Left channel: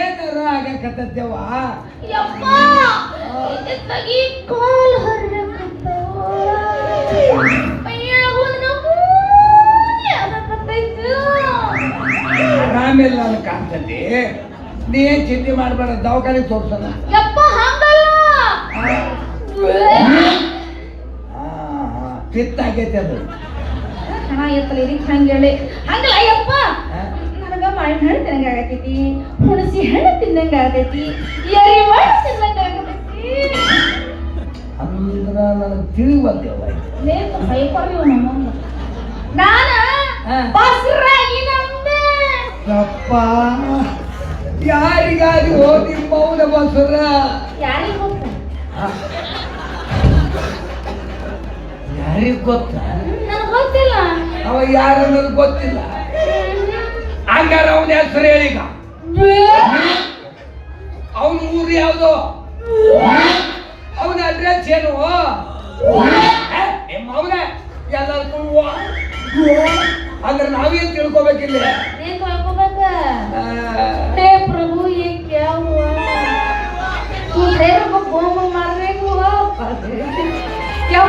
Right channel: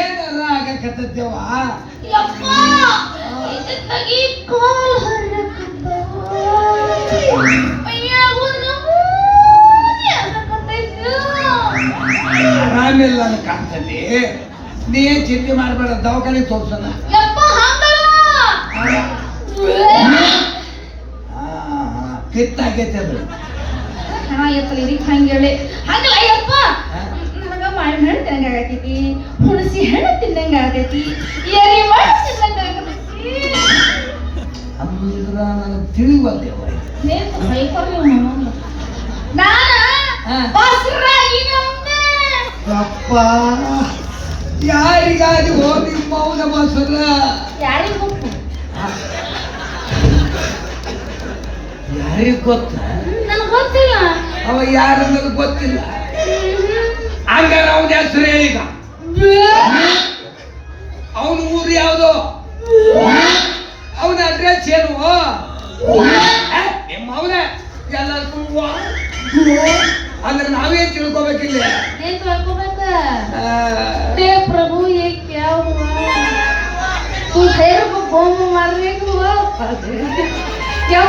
ಏನಾರ ಆಗಕತ್ತವ ಆರಾಮೆಲ್ಲ ನಾನು ಕಾಣ್ತದೆ. ನೀ ಏನ್ ಚಿಂತೆ ಮಾಡ್ಬೇಡ, ದವಾಖಾನೆ ತೋರ್ಸೋಣ. ಕಿತ್ತಾಗೈತೆ ಅದು ಹಂಗೇಳಿ ಹಂಗಲ್ಲ ಅಯ್ಯಪ್ಪ, ನನಗ ಮಾವಿನ ಹಣ್ಣು ತಿನ್ನಂಗ ಆಗತೈತಿ, ಹುಣಸಿ ಹಣ್ಣು ತಿನ್ನಂಗ ಆಗತೈತಿ, ಎರಿ ಮಾಡಿ ತಿನ್ನಂಗ ಆಗತೈತಿ. ಅಂದ್ರ ನನಗೆ ತಿಳಿವಲ್ದೇವ. ಅಪ್ಪ ಯಾರಿಗಾದಿ ಹೋಗಿ ಮೌನ ಬಸರ ಯಾರಿಗೆ ಗೊತ್ತ? ನನಗೆ ಗೊತ್ತಿಲ್ಲ. ಅವ ಯಾರು ನನಗೆ ಗೊತ್ತಿಲ್ಲ. ಹಂಗಾರ ಅವನ ಹೆಸರು ಹೇಳಿಗ. ಅವನ ಊರು ಯಾವುದು? ಅವನ ಅಡ್ರೆಸ್ ಏನು? ನಿಮ್ಮ ಅವನ ಎಲ್ಲರಿಗೂ ಅಂದ್ರೆ ನಾವೇನ್ ತಿಳ್ಕೊಬೇಕಿಲ್ಲ. प्रभु ये क्या हुआ? तू तेरे को कौन मारने को हुआ? क्या